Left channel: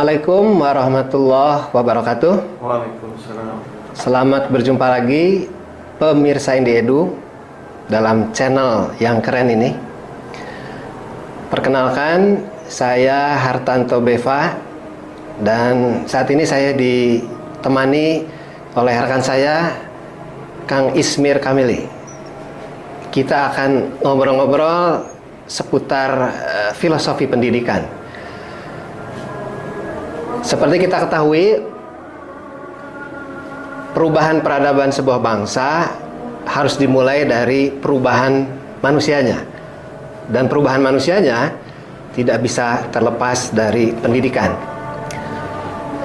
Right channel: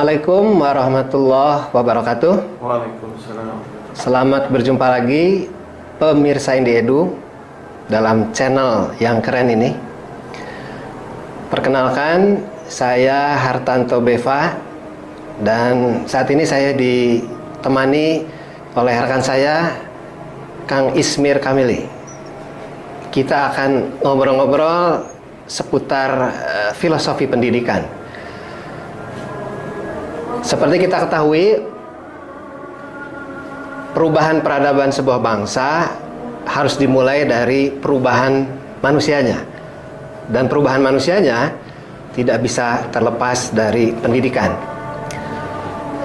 Assalamualaikum warahmatullahi wabarakatuh. Waalaikumsalam. Selamat berjumpa lagi pemirsa IndiEdu dalam channel yang keren ini. Perkenalkan, saya Hartanto Beva dan saat ini saya ditemani oleh rekan saya Kang Ismir Kamili. Kita akan ngobrol-ngobrol seputar filosofi pendidikan. Seperti kita ketahui, perubahan peradaban sebuah bangsa harus dimulai dari perubahan manusianya. Dan perubahan manusianya tidak bisa terlepas dari pendidikan.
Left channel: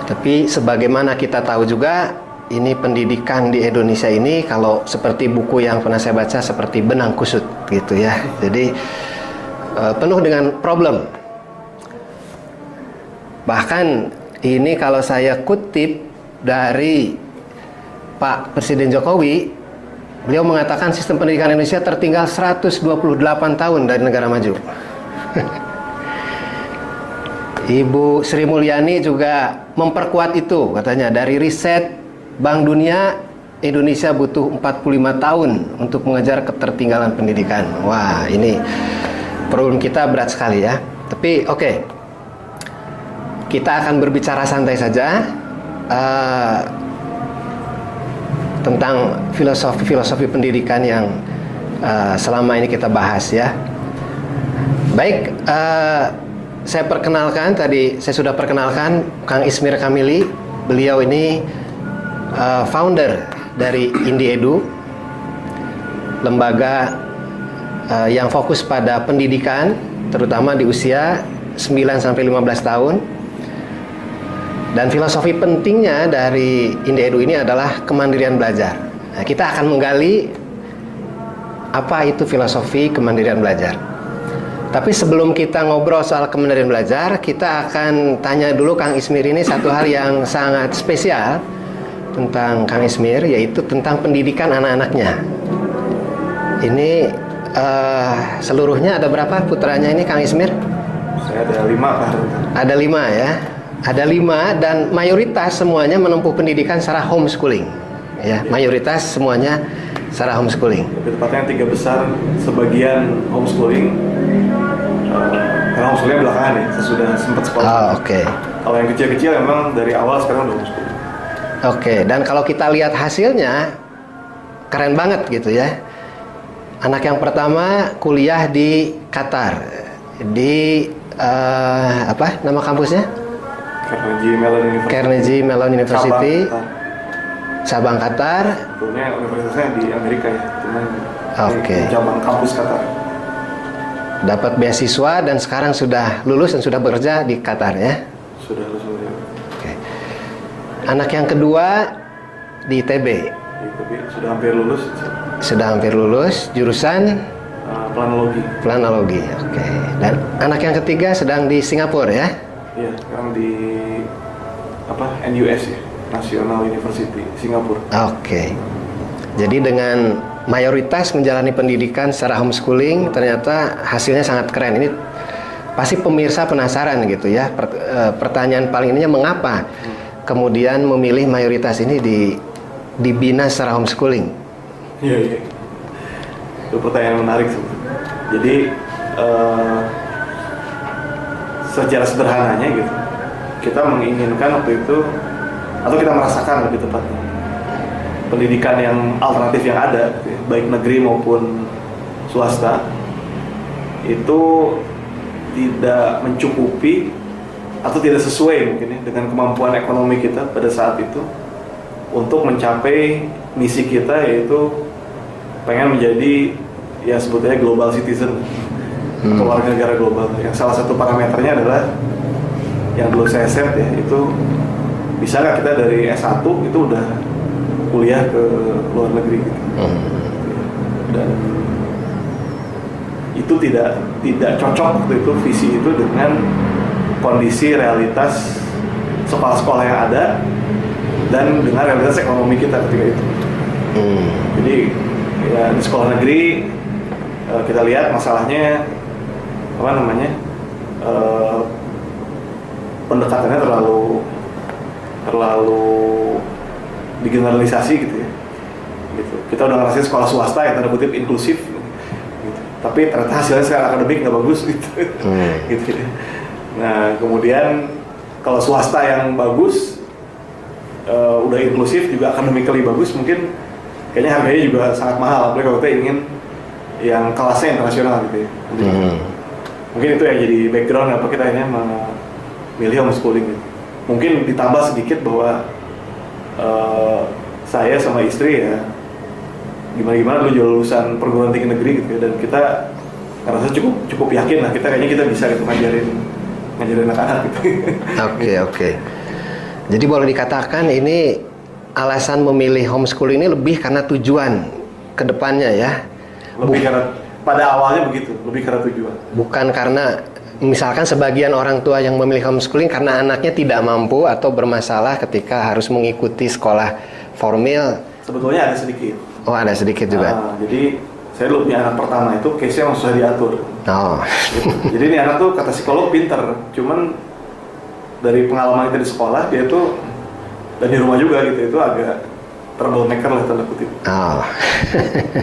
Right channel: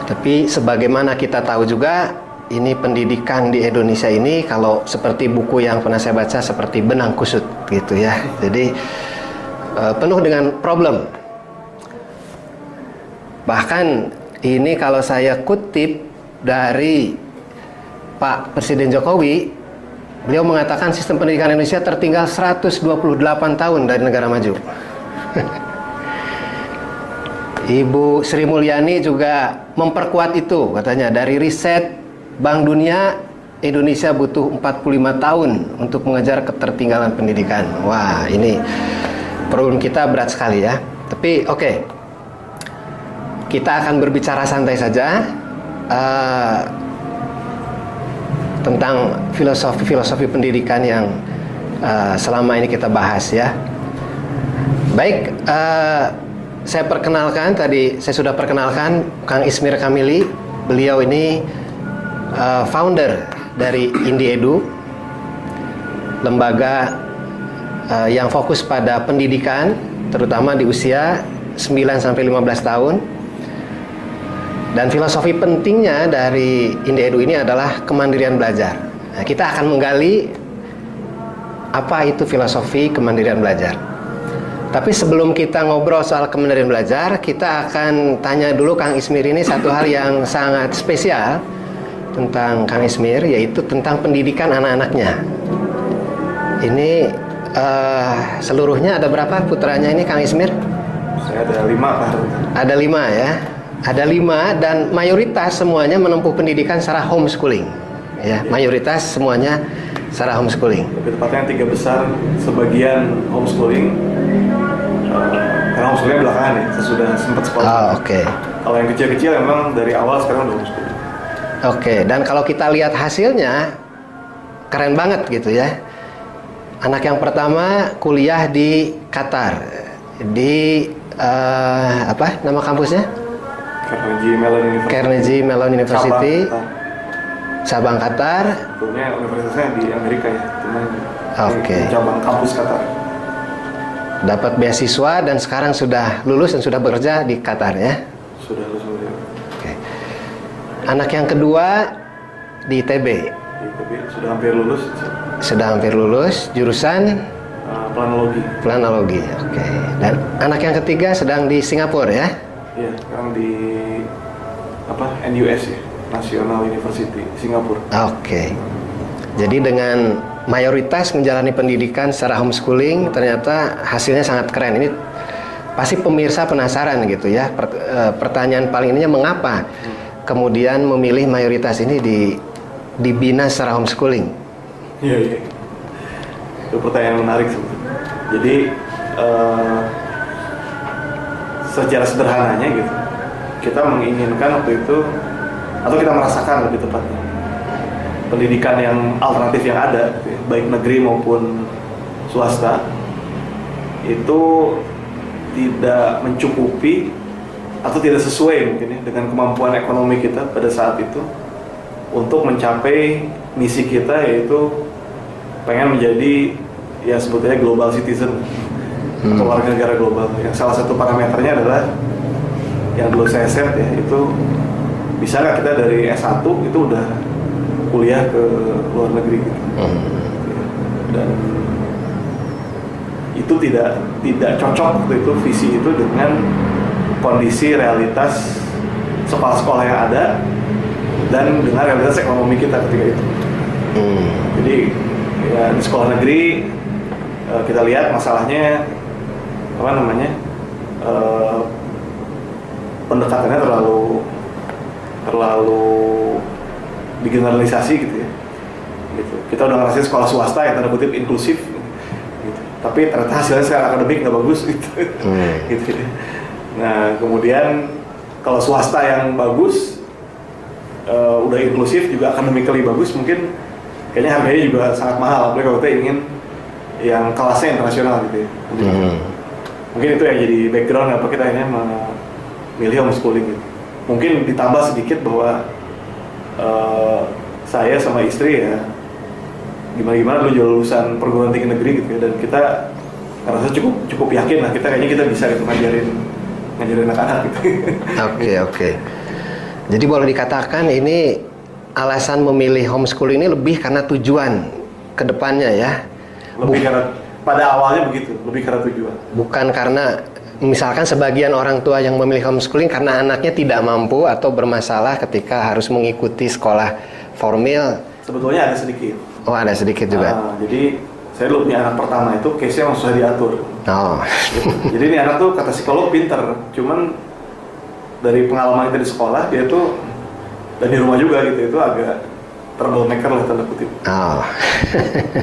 Tapi sebagaimana kita tahu juga, ini pendidikan di Indonesia ini kalau seperti buku yang pernah saya baca seperti benang kusut gitu ya. Jadi penuh dengan problem. Bahkan ini kalau saya kutip dari Pak Presiden Jokowi, beliau mengatakan sistem pendidikan Indonesia tertinggal 128 tahun dari negara maju. Ibu Sri Mulyani juga memperkuat itu, katanya dari riset Bank Dunia, Indonesia butuh 45 tahun untuk mengejar ketertinggalan pendidikan. Wah, ini problem kita berat sekali ya. Tapi oke. Kita akan berbicara santai saja tentang filosofi pendidikan yang selama ini kita bahas ya. Baik, saya perkenalkan, tadi saya sudah perkenalkan Kang Ismir Kamili. Beliau ini founder dari IndiEdu, lembaga yang fokus pada pendidikan terutama di usia 9-15 tahun. Dan filosofi pentingnya dari IndiEdu ini adalah kemandirian belajar. Nah, kita akan menggali apa itu filosofi kemandirian belajar. Tapi sebelum kita ngobrol soal kemandirian belajar, kita akan tanya dulu Kang Ismir ini satu hal yang sangat spesial tentang Kang Ismir, yaitu tentang pendidikan anak-anaknya. Ini seluruhnya ada berapa putranya ini Kang Ismir? Saya ada 5 Pak. Ada 5 ya. Ada 5 dan mayoritas semuanya menempuh pendidikan secara homeschooling. Ya, mayoritas semuanya secara homeschooling. Lebih tepatnya 3 besar, sebagian homeschooling. Karena homeschoolingnya belakangan ya, sesudah sempat sekolah. Oke. Kalau yang kecil-kecil memang dari awal sekarang udah homeschooling. Oke, dan kalau kita lihat hasilnya keren banget gitu ya. Anak yang pertama kuliah di Qatar. Di apa nama kampusnya? Carnegie Mellon University, Sabang, Qatar. Sebetulnya universitasnya di Amerika ya, cuman cabang kampus Qatar. Dapat beasiswa dan sekarang sudah lulus dan sudah bekerja di Qatar ya. Sudah lulus. Oke. Anak yang kedua di ITB. Sudah hampir lulus. Sudah hampir lulus, jurusan planologi. Oke. Dan anak yang ketiga sedang di Singapura ya. Iya, sekarang di NUS ya, National University Singapura. Oke. Jadi dengan mayoritas menjalani pendidikan secara homeschooling, ternyata hasilnya sangat keren. Ini pasti pemirsa penasaran gitu ya. Pertanyaan paling ininya mengapa kemudian memilih mayoritas ini dibina secara homeschooling? Iya. Itu pertanyaan menarik sebetulnya. Jadi secara sederhananya gitu, kita menginginkan waktu itu, atau kita merasakan lebih tepatnya, pendidikan yang alternatif yang ada, gitu ya, baik negeri maupun swasta, itu tidak mencukupi atau tidak sesuai mungkin ya, dengan kemampuan ekonomi kita pada saat itu untuk mencapai misi kita, yaitu pengen menjadi ya sebetulnya global citizen atau warga negara global. Yang salah satu parameternya adalah yang dulu saya set ya, itu bisa nggak kita dari S1 itu udah kuliah ke luar negeri gitu. Dan itu tidak cocok waktu itu visi itu dengan kondisi realitas sekolah-sekolah yang ada dan dengan realitas ekonomi kita ketika itu. Jadi ya di sekolah negeri kita lihat masalahnya pendekatannya terlalu digeneralisasi gitu ya. Gitu. Kita udah ngerasain sekolah swasta yang tanda kutip inklusif, gitu. Tapi ternyata hasilnya secara akademik nggak bagus gitu. Gitu ya. Nah kemudian kalau swasta yang bagus, udah inklusif juga akademically bagus, mungkin kayaknya harganya juga sangat mahal. Apalagi kalau kita ingin yang kelasnya internasional gitu ya. Mungkin itu yang jadi background apa kita ini memilih homeschooling gitu. Mungkin ditambah sedikit bahwa saya sama istri ya gimana dulu jual lulusan perguruan tinggi negeri gitu ya, dan kita ngerasa cukup yakin lah kayaknya kita bisa gitu ngajarin anak-anak gitu. Oke. Jadi boleh dikatakan ini alasan memilih homeschooling ini lebih karena tujuan ke depannya ya. Karena pada awalnya begitu, lebih karena tujuan. Bukan karena misalkan sebagian orang tua yang memilih homeschooling karena anaknya tidak mampu atau bermasalah ketika harus mengikuti sekolah formal. Sebetulnya ada sedikit. Oh, ada sedikit juga. Jadi saya dulu punya anak pertama itu case-nya memang susah diatur. Oh. Jadi ini anak tuh kata psikolog pinter, cuman dari pengalaman kita di sekolah dia tuh dan di rumah juga gitu itu agak troublemaker lah tanda kutip. Oh.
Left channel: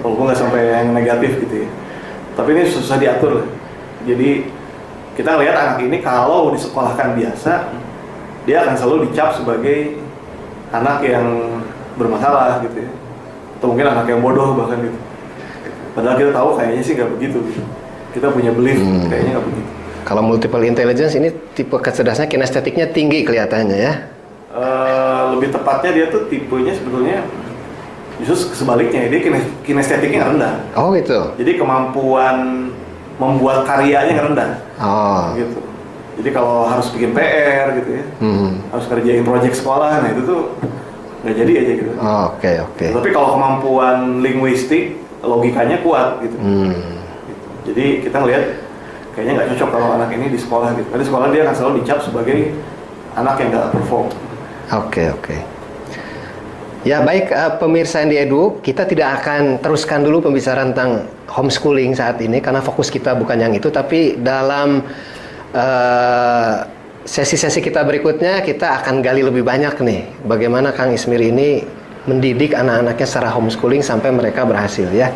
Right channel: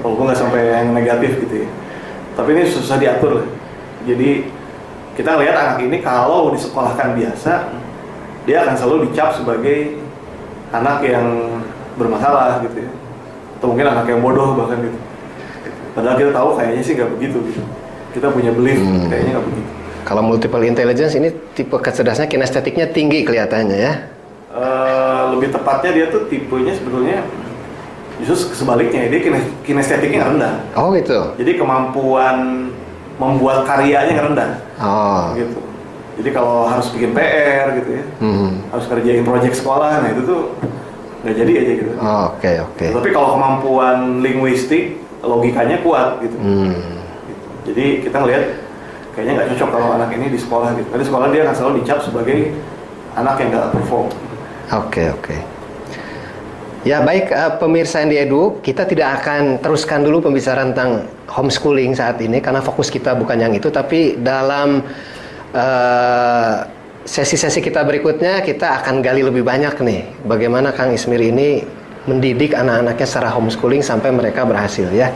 Walaupun nggak sampai yang negatif gitu ya. Tapi ini susah diatur lah. Jadi kita lihat anak ini kalau disekolahkan biasa, dia akan selalu dicap sebagai anak yang bermasalah gitu ya. Atau mungkin anak yang bodoh bahkan gitu. Padahal kita tahu kayaknya sih nggak begitu gitu. Kita punya belief kayaknya nggak begitu. Kalau multiple intelligence ini tipe kecerdasannya kinestetiknya tinggi kelihatannya ya. Lebih tepatnya dia tuh tipenya sebetulnya justru sebaliknya, dia kinestetiknya rendah. Oh gitu. Jadi kemampuan membuat karyanya rendah. Oh. Gitu. Jadi kalau harus bikin PR gitu ya, harus kerjain proyek sekolah, nah itu tuh nggak jadi aja gitu. Oh, oke. Tapi kalau kemampuan linguistik, logikanya kuat gitu. Jadi kita ngelihat kayaknya nggak cocok kalau anak ini di sekolah gitu. Karena di sekolah dia akan selalu dicap sebagai anak yang nggak perform. Oke. Ya baik, pemirsa Andi Edu, kita tidak akan teruskan dulu pembicaraan tentang homeschooling saat ini karena fokus kita bukan yang itu, tapi dalam sesi-sesi kita berikutnya kita akan gali lebih banyak nih bagaimana Kang Ismir ini mendidik anak-anaknya secara homeschooling sampai mereka berhasil ya.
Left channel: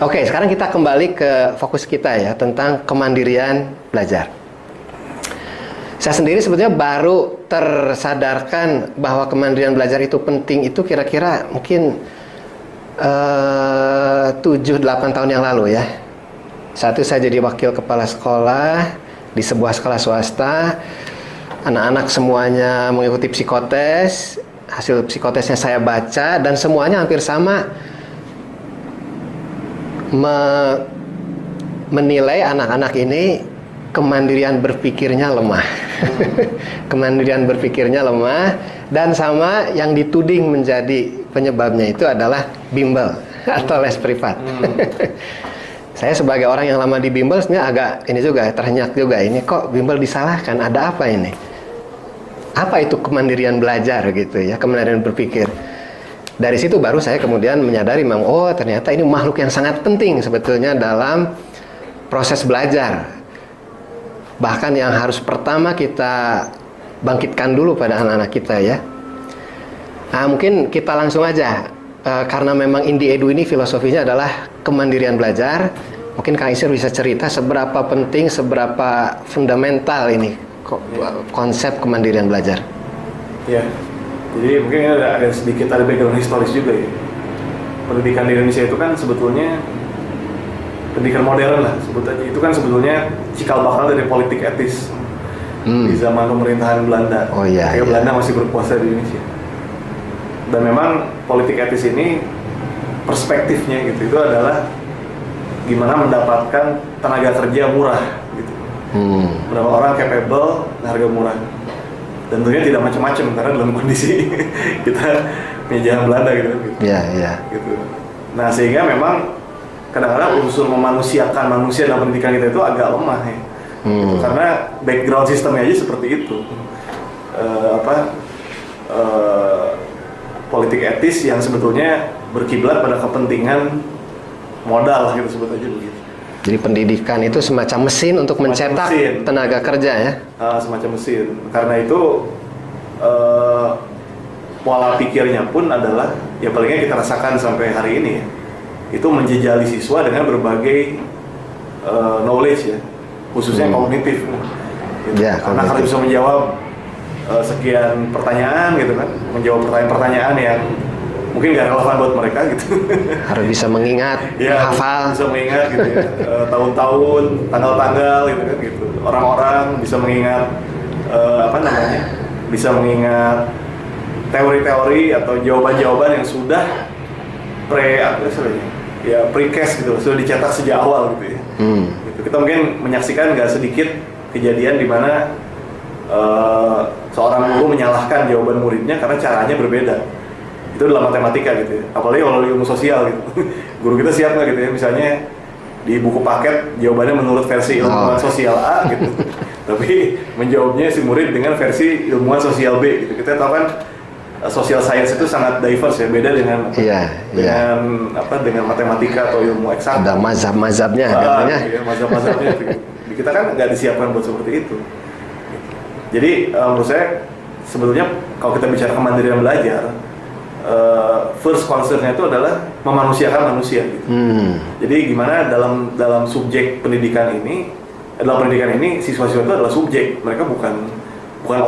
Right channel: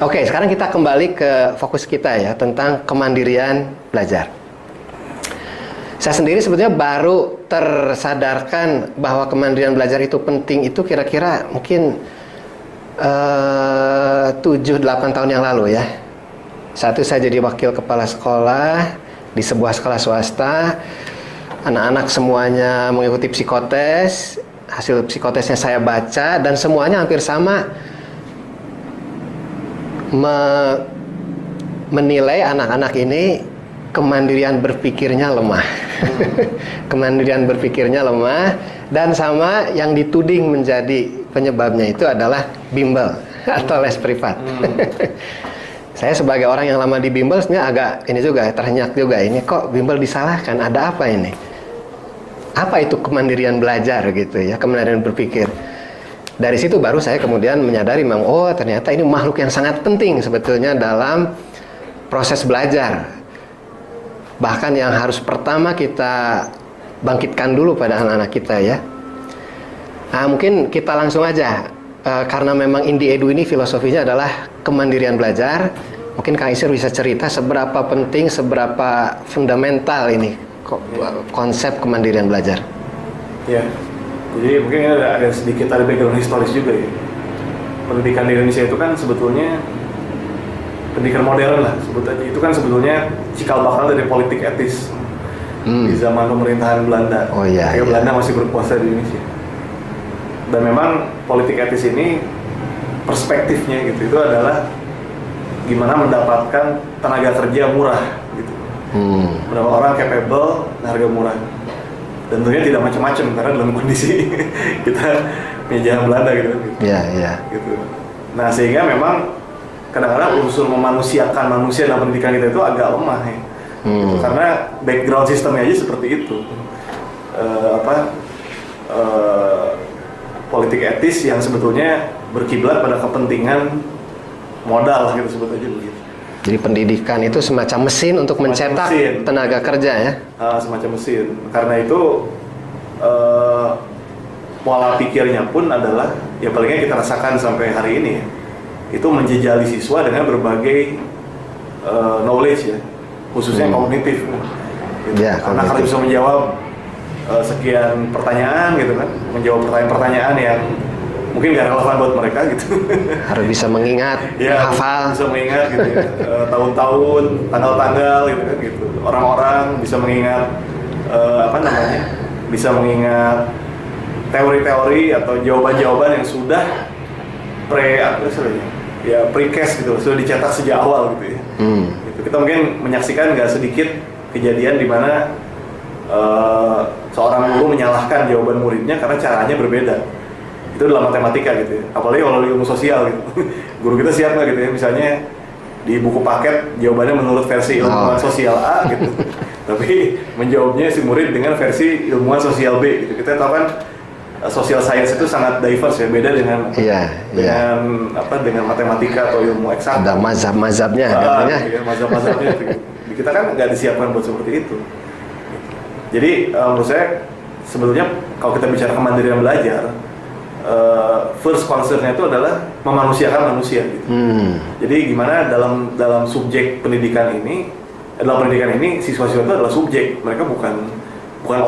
Oke, sekarang kita kembali ke fokus kita ya tentang kemandirian belajar. Saya sendiri sebetulnya baru tersadarkan bahwa kemandirian belajar itu penting itu kira-kira mungkin 7-8 tahun yang lalu ya. Saat itu saya jadi wakil kepala sekolah di sebuah sekolah swasta. Anak-anak semuanya mengikuti psikotes. Hasil psikotesnya saya baca dan semuanya hampir sama menilai anak-anak ini kemandirian berpikirnya lemah. Kemandirian berpikirnya lemah dan sama yang dituding menjadi penyebabnya itu adalah bimbel atau les privat. Saya sebagai orang yang lama di bimbel sebenarnya agak ini juga ternyak juga, ini kok bimbel disalahkan, ada apa ini? Apa itu kemandirian belajar gitu ya, kemandirian berpikir. Dari situ baru saya kemudian menyadari memang oh ternyata ini makhluk yang sangat penting sebetulnya dalam proses belajar. Bahkan yang harus pertama kita bangkitkan dulu pada anak-anak kita ya. Nah mungkin kita langsung aja karena memang Indi Edu ini filosofinya adalah kemandirian belajar. Mungkin Kang Ismir bisa cerita seberapa penting, seberapa fundamental ini konsep kemandirian belajar. Ya, jadi mungkin ada sedikit background historis juga ya. Pendidikan di Indonesia itu kan sebetulnya pendidikan modern lah sebut aja, itu kan sebetulnya cikal bakal dari politik etis di zaman pemerintahan Belanda. Oh iya. Belanda masih berkuasa di Indonesia. Dan memang politik etis ini perspektifnya gitu itu adalah gimana mendapatkan tenaga kerja murah gitu. Berapa orang capable, harga murah. Dan tentunya tidak macam-macam karena dalam kondisi kita penjajahan Belanda gitu. Iya. Gitu. Nah sehingga memang kadang-kadang unsur memanusiakan manusia dalam pendidikan kita itu agak lemah ya. Gitu. Karena background sistemnya aja seperti itu. Politik etis yang sebetulnya berkiblat pada kepentingan modal gitu sebut aja begitu. Jadi pendidikan itu semacam mesin untuk mencetak tenaga kerja ya? Semacam mesin. Karena itu pola pikirnya pun adalah, ya palingnya kita rasakan sampai hari ini ya, itu menjejali siswa dengan berbagai knowledge ya, khususnya kognitif. Gitu. Ya, anak harus bisa menjawab sekian pertanyaan gitu kan, menjawab pertanyaan-pertanyaan yang mungkin gak relevan buat mereka gitu. Harus bisa mengingat, ya, menghafal. bisa mengingat gitu ya. Tahun-tahun, tanggal-tanggal gitu kan gitu. Orang-orang bisa mengingat bisa mengingat teori-teori atau jawaban-jawaban yang sudah precast gitu, sudah dicetak sejak awal gitu ya. Gitu. Kita mungkin menyaksikan nggak sedikit kejadian di mana seorang guru menyalahkan jawaban muridnya karena caranya berbeda. Itu dalam matematika gitu ya. Apalagi kalau ilmu sosial gitu. Guru kita siap nggak gitu ya, misalnya di buku paket jawabannya menurut versi ilmuwan sosial A gitu. Tapi menjawabnya si murid dengan versi ilmuwan sosial B gitu. Kita tahu kan social science itu sangat diverse ya, beda dengan dengan matematika atau ilmu eksak. Ada mazhab-mazhabnya katanya. Ya, mazhab-mazhabnya gitu. Kita kan nggak disiapkan buat seperti itu. Jadi menurut saya sebetulnya kalau kita bicara kemandirian belajar, first concern-nya itu adalah memanusiakan manusia gitu. Jadi gimana dalam subjek pendidikan ini, dalam pendidikan ini siswa-siswa itu adalah subjek, mereka bukan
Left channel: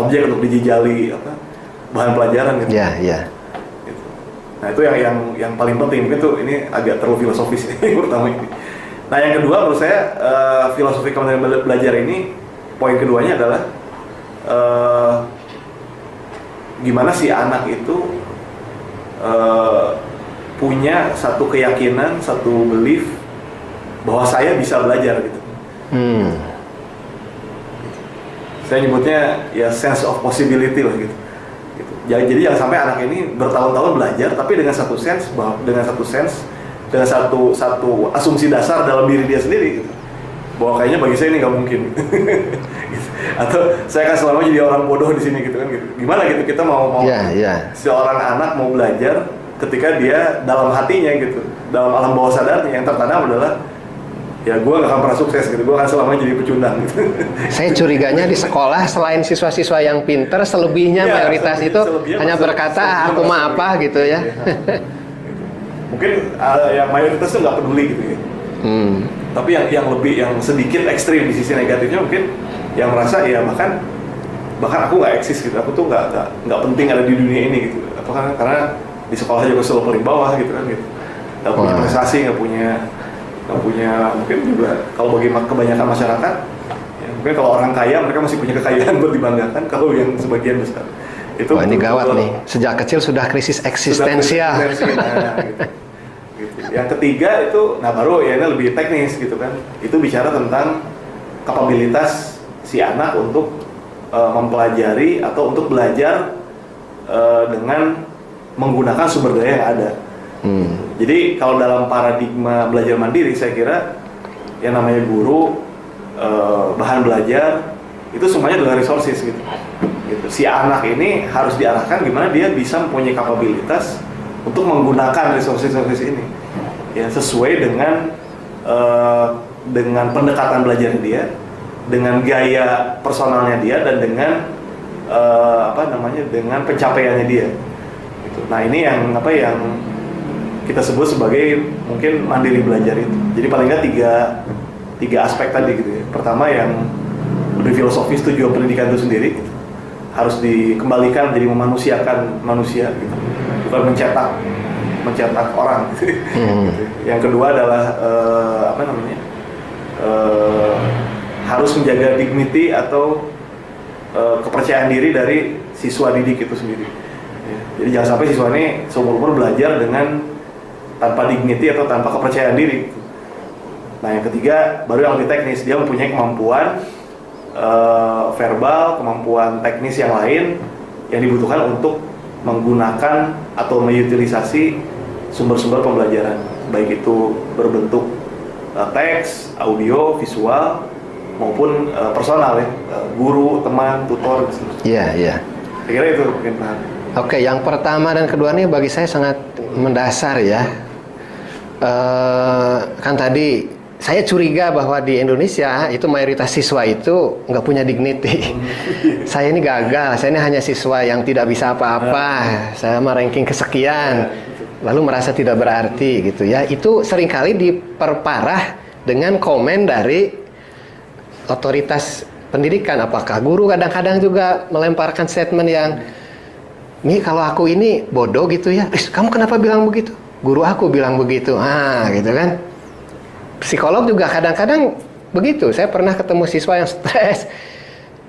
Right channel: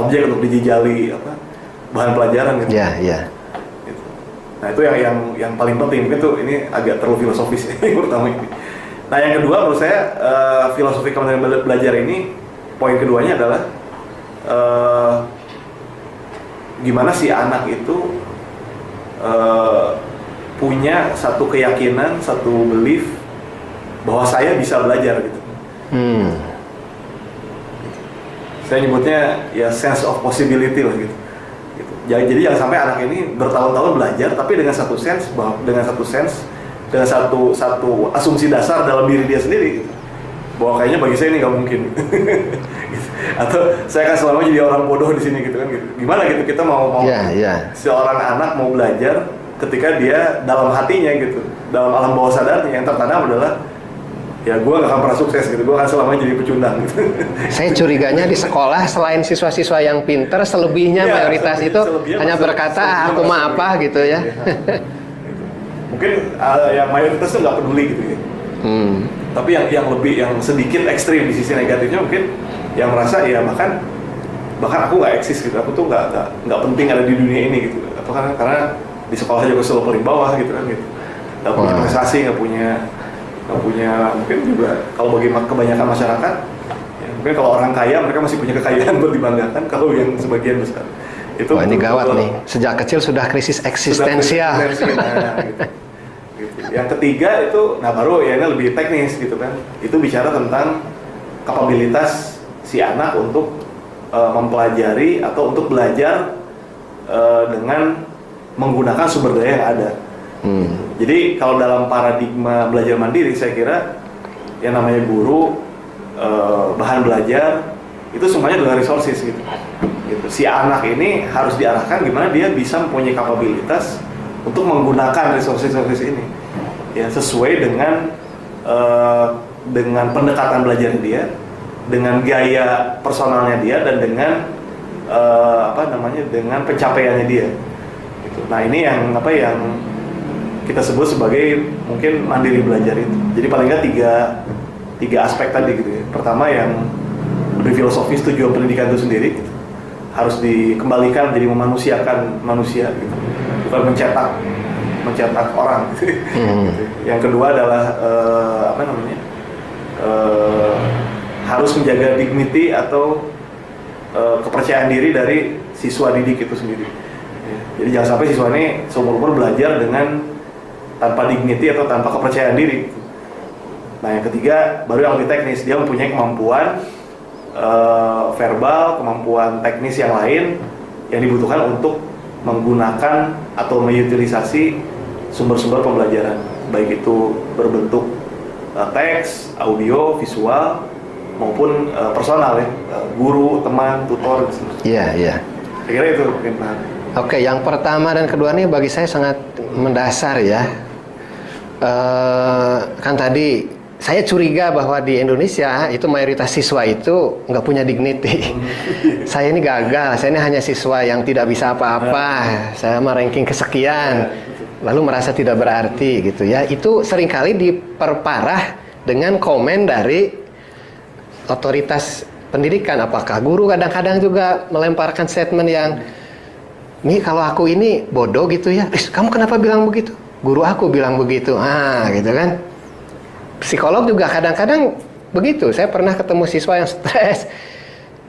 objek untuk dijejali bahan pelajaran gitu. Iya. Gitu. Nah itu yang paling penting, mungkin tuh ini agak terlalu filosofis yang pertama ini. Nah yang kedua menurut saya filosofi kemandirian belajar ini, poin keduanya adalah gimana si anak itu punya satu keyakinan, satu belief bahwa saya bisa belajar gitu. Saya nyebutnya ya sense of possibility lah gitu. Jadi jangan sampai anak ini bertahun-tahun belajar tapi dengan satu asumsi dasar dalam diri dia sendiri gitu. Bahwa kayaknya bagi saya ini nggak mungkin. Gitu. Atau saya akan selama jadi orang bodoh di sini gitu kan gitu. Gimana gitu kita mau seorang anak mau belajar ketika dia dalam hatinya gitu, dalam alam bawah sadarnya yang tertanam adalah ya gue gak akan pernah sukses gitu, gue akan selamanya jadi pecundang gitu. Saya curiganya di sekolah selain siswa-siswa yang pinter, selebihnya mayoritas itu hanya berkata aku mah apa gitu ya. Mungkin yang mayoritas itu nggak peduli gitu ya. Tapi yang sedikit ekstrim di sisi negatifnya mungkin yang merasa ya bahkan aku nggak eksis gitu, aku tuh nggak penting ada di dunia ini gitu. Atau karena di sekolah juga selalu paling bawah gitu kan gitu. Nggak punya prestasi, nggak punya mungkin juga kalau bagi kebanyakan masyarakat ya, mungkin kalau orang kaya mereka masih punya kekayaan buat dibanggakan, kalau yang sebagian besar itu ini gawat nih, sejak kecil sudah krisis eksistensial. Gitu. Yang ketiga itu, nah baru ya ini lebih teknis gitu kan, itu bicara tentang kapabilitas si anak untuk mempelajari atau untuk belajar dengan menggunakan sumber daya yang ada. Jadi kalau dalam paradigma belajar mandiri, saya kira yang namanya guru, bahan belajar itu semuanya adalah resources gitu. Si anak ini harus diarahkan gimana dia bisa mempunyai kapabilitas untuk menggunakan resources ini, ya sesuai dengan pendekatan belajar dia, dengan gaya personalnya dia, dan dengan dengan pencapaiannya dia. Gitu. Nah ini yang kita sebut sebagai mungkin mandiri belajar itu. Jadi paling nggak tiga aspek tadi gitu ya. Pertama yang lebih filosofis, tujuan pendidikan itu sendiri gitu, harus dikembalikan jadi memanusiakan manusia gitu, bukan mencetak orang gitu. Yang kedua adalah harus menjaga dignity atau kepercayaan diri dari siswa didik itu sendiri. Jadi jangan sampai siswa ini seumur-umur belajar dengan tanpa dignity atau tanpa kepercayaan diri. Nah yang ketiga baru yang lebih teknis, dia mempunyai kemampuan verbal, kemampuan teknis yang lain yang dibutuhkan untuk menggunakan atau mengutilisasi sumber-sumber pembelajaran, baik itu berbentuk teks, audio, visual maupun personal ya, guru, teman, tutor. Iya. Saya kira itu mungkin Pak. Oke, yang pertama dan kedua ini bagi saya sangat mendasar ya. Kan tadi saya curiga bahwa di Indonesia itu mayoritas siswa itu nggak punya dignity. Saya ini gagal, saya ini hanya siswa yang tidak bisa apa-apa. Saya mah ranking kesekian, lalu merasa tidak berarti gitu ya. Itu seringkali diperparah dengan komen dari otoritas pendidikan. Apakah guru kadang-kadang juga melemparkan statement yang, nih kalau aku ini bodoh gitu ya, kamu kenapa bilang begitu? Guru aku bilang begitu, gitu kan. Psikolog juga kadang-kadang begitu. Saya pernah ketemu siswa yang stres.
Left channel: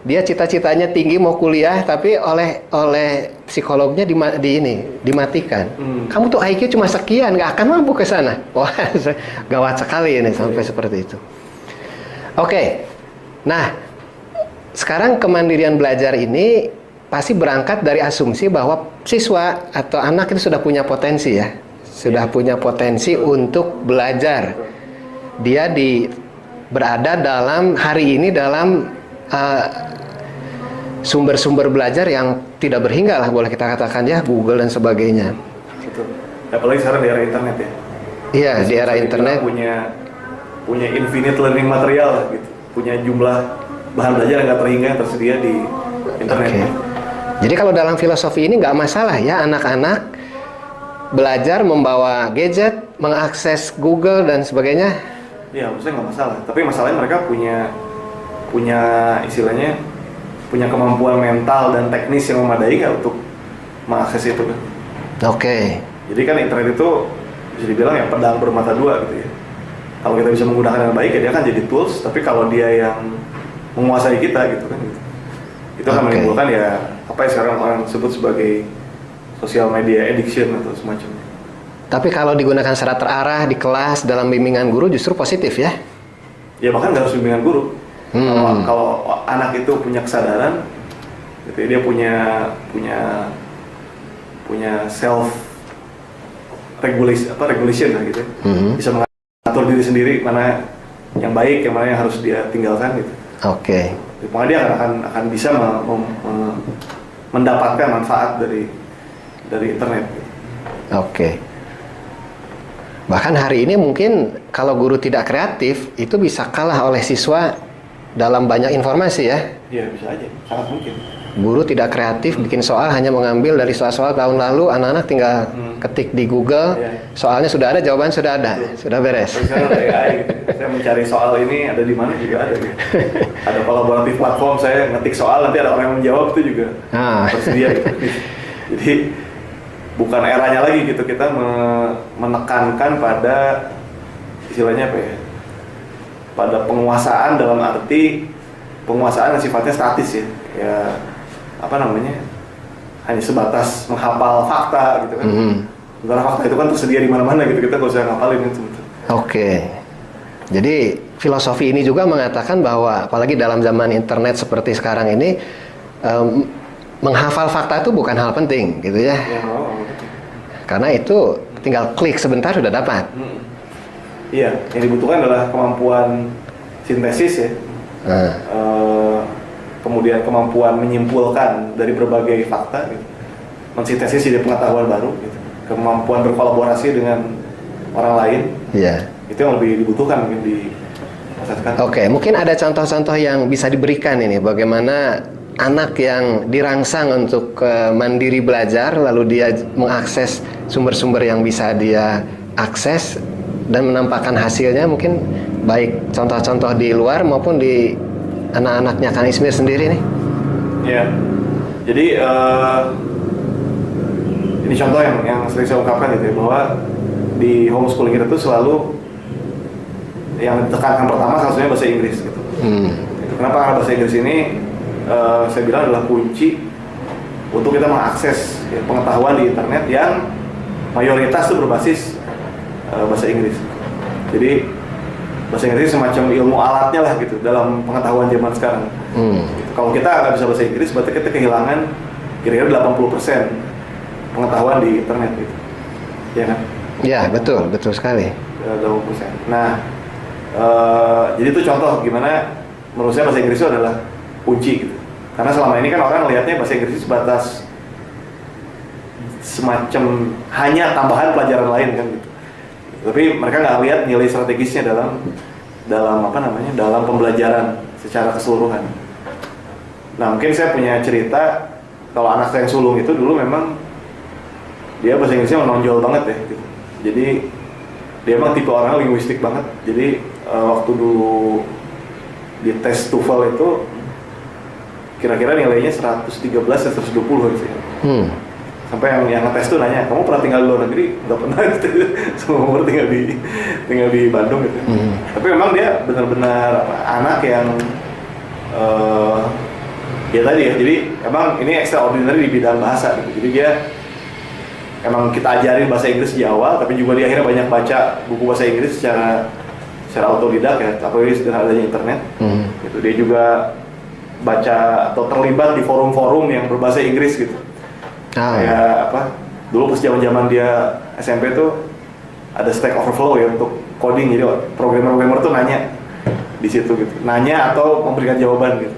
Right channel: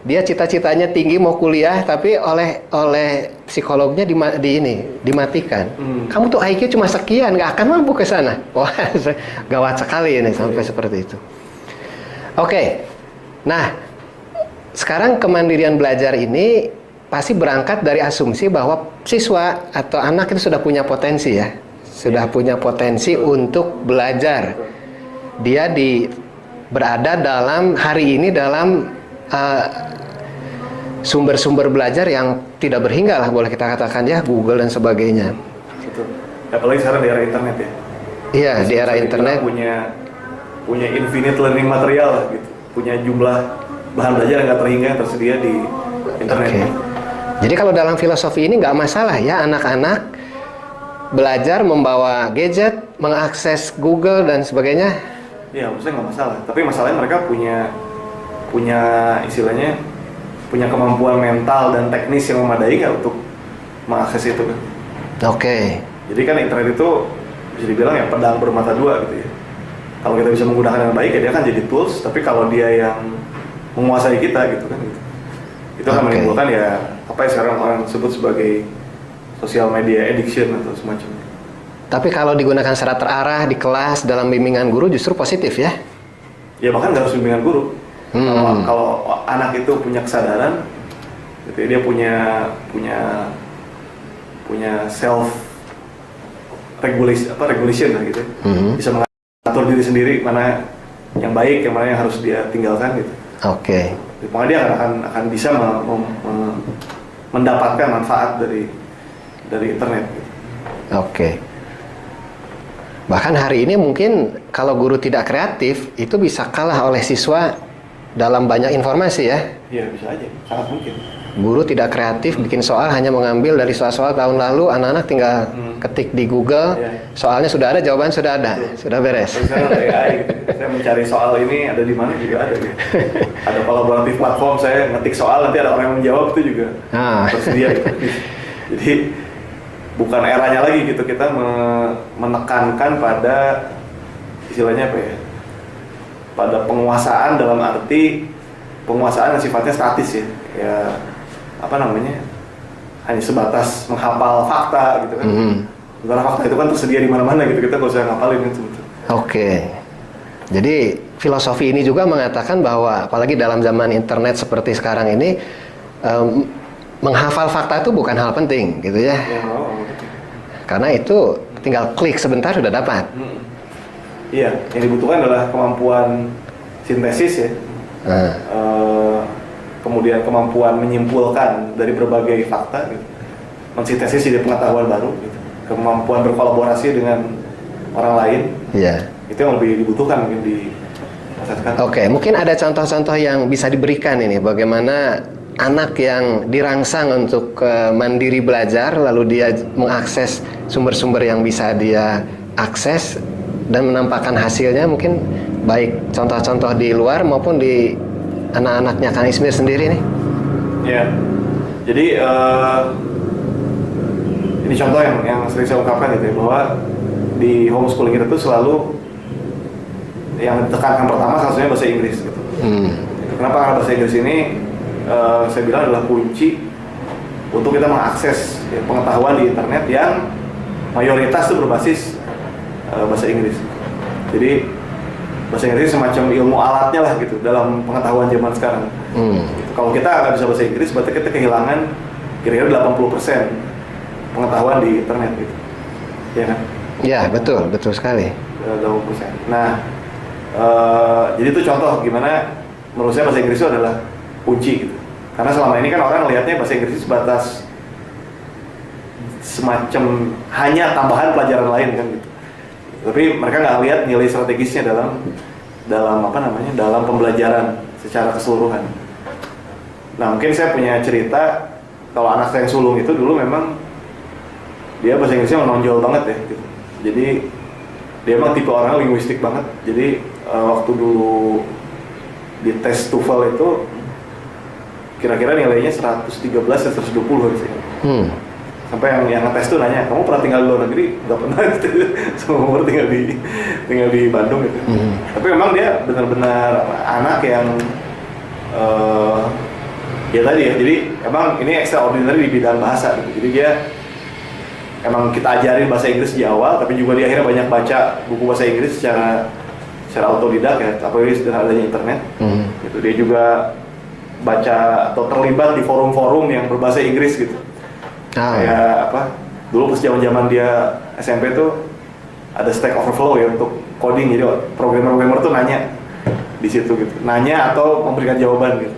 Dia cita-citanya tinggi mau kuliah, tapi oleh psikolognya dimatikan. Kamu tuh IQ cuma sekian, nggak akan mampu ke sana. Wah, gawat sekali ini sampai seperti itu. Oke, nah sekarang kemandirian belajar ini pasti berangkat dari asumsi bahwa siswa atau anak itu sudah punya potensi ya, sudah punya potensi untuk belajar. Dia berada dalam hari ini dalam sumber-sumber belajar yang tidak berhingga lah, boleh kita katakan ya, Google dan sebagainya. Betul. Apalagi sekarang di era internet ya. Iya, di era internet punya infinite learning material lah, gitu. Punya jumlah bahan belajar yang nggak terhingga yang tersedia di internet. Okay. Jadi kalau dalam filosofi ini nggak masalah ya anak-anak belajar membawa gadget, mengakses Google dan sebagainya. Ya, maksudnya nggak masalah. Tapi masalahnya mereka punya istilahnya punya kemampuan mental dan teknis yang memadai nggak untuk mengakses itu kan? Oke. Jadi kan internet itu bisa dibilang ya pedang bermata dua gitu ya. Kalau kita bisa menggunakan dengan baik ya dia akan jadi tools. Tapi kalau dia yang menguasai kita gitu kan, gitu. Itu akan menimbulkan ya apa yang sekarang orang sebut sebagai social media addiction atau semacamnya. Tapi kalau digunakan secara terarah di kelas dalam bimbingan guru justru positif ya? Ya bahkan nggak harus bimbingan guru. Kalau anak itu punya kesadaran, gitu, dia punya self regulation lah gitu. Bisa mengatur diri sendiri mana yang baik, yang mana yang harus dia tinggalkan gitu. Oke. Pokoknya dia akan bisa mendapatkan manfaat dari internet. Gitu. Oke. Bahkan hari ini mungkin kalau guru tidak kreatif itu bisa kalah oleh siswa dalam banyak informasi ya. Iya bisa aja, sangat mungkin. Guru tidak kreatif bikin soal hanya mengambil dari soal-soal tahun lalu, anak-anak tinggal ketik di Google, soalnya sudah ada, jawaban sudah ada, sudah beres. Sekarang ada AI gitu. Saya mencari soal ini ada di mana juga ada gitu. Ada kolaboratif platform, saya ngetik soal nanti ada orang yang menjawab itu juga tersedia gitu. Jadi bukan eranya lagi gitu, kita menekankan pada istilahnya apa ya, pada penguasaan dalam arti penguasaan yang sifatnya statis ya apa namanya, hanya sebatas menghafal fakta gitu kan. Sementara fakta itu kan tersedia di mana-mana gitu, kita nggak usah ngapalin itu. Oke. Jadi filosofi ini juga mengatakan bahwa apalagi dalam zaman internet seperti sekarang ini menghafal fakta itu bukan hal penting gitu ya. Karena itu tinggal klik sebentar sudah dapat. Iya, yang dibutuhkan adalah kemampuan sintesis ya. Kemudian kemampuan menyimpulkan dari berbagai fakta gitu. Mensintesis jadi pengetahuan baru gitu. Kemampuan berkolaborasi dengan orang lain. Iya. Itu yang lebih dibutuhkan mungkin di masa sekarang. Oke, mungkin ada contoh-contoh yang bisa diberikan ini bagaimana anak yang dirangsang untuk mandiri belajar lalu dia mengakses sumber-sumber yang bisa dia akses dan menampakkan hasilnya, mungkin baik contoh-contoh di luar maupun di anak-anaknya Kang Ismir sendiri nih. Ya, jadi ini contoh yang sering saya ungkapkan gitu ya, bahwa di homeschooling itu selalu yang ditekankan pertama salah satunya bahasa Inggris gitu. Kenapa? Karena bahasa Inggris ini saya bilang adalah kunci untuk kita mengakses ya, pengetahuan di internet yang mayoritas itu berbasis bahasa Inggris. Jadi bahasa Inggris semacam ilmu alatnya lah gitu dalam pengetahuan zaman sekarang. Gitu. Kalau kita nggak bisa bahasa Inggris, berarti kita kehilangan kira-kira 80% pengetahuan di internet gitu. Ya kan? Ya, betul sekali. 80%. Nah, jadi itu contoh gimana menurut saya bahasa Inggris itu adalah kunci gitu. Karena selama ini kan orang lihatnya bahasa Inggris itu sebatas semacam hanya tambahan pelajaran lain kan gitu. Tapi mereka nggak lihat nilai strategisnya dalam dalam dalam pembelajaran secara keseluruhan. Nah mungkin saya punya cerita kalau anak saya yang sulung itu dulu memang dia bahasa Inggrisnya menonjol banget ya gitu. Jadi dia emang tipe orang linguistik banget. Jadi waktu dulu di tes TOEFL itu kira-kira nilainya 113 dan 120 sih. Sampai yang ngetes tuh nanya, kamu pernah tinggal di luar negeri? Nggak pernah gitu. Semua umur tinggal di Bandung gitu. Tapi memang dia benar-benar anak yang ya tadi ya. Jadi emang ini extraordinary di bidang bahasa gitu. Jadi dia emang kita ajarin bahasa Inggris di awal, tapi juga dia akhirnya banyak baca buku bahasa Inggris secara autodidak ya, apalagi dengan adanya internet. Gitu. Dia juga baca atau terlibat di forum-forum yang berbahasa Inggris gitu. Kayak dulu pas zaman dia SMP tuh ada Stack Overflow ya untuk coding, jadi programmer tuh nanya di situ gitu, nanya atau memberikan jawaban gitu.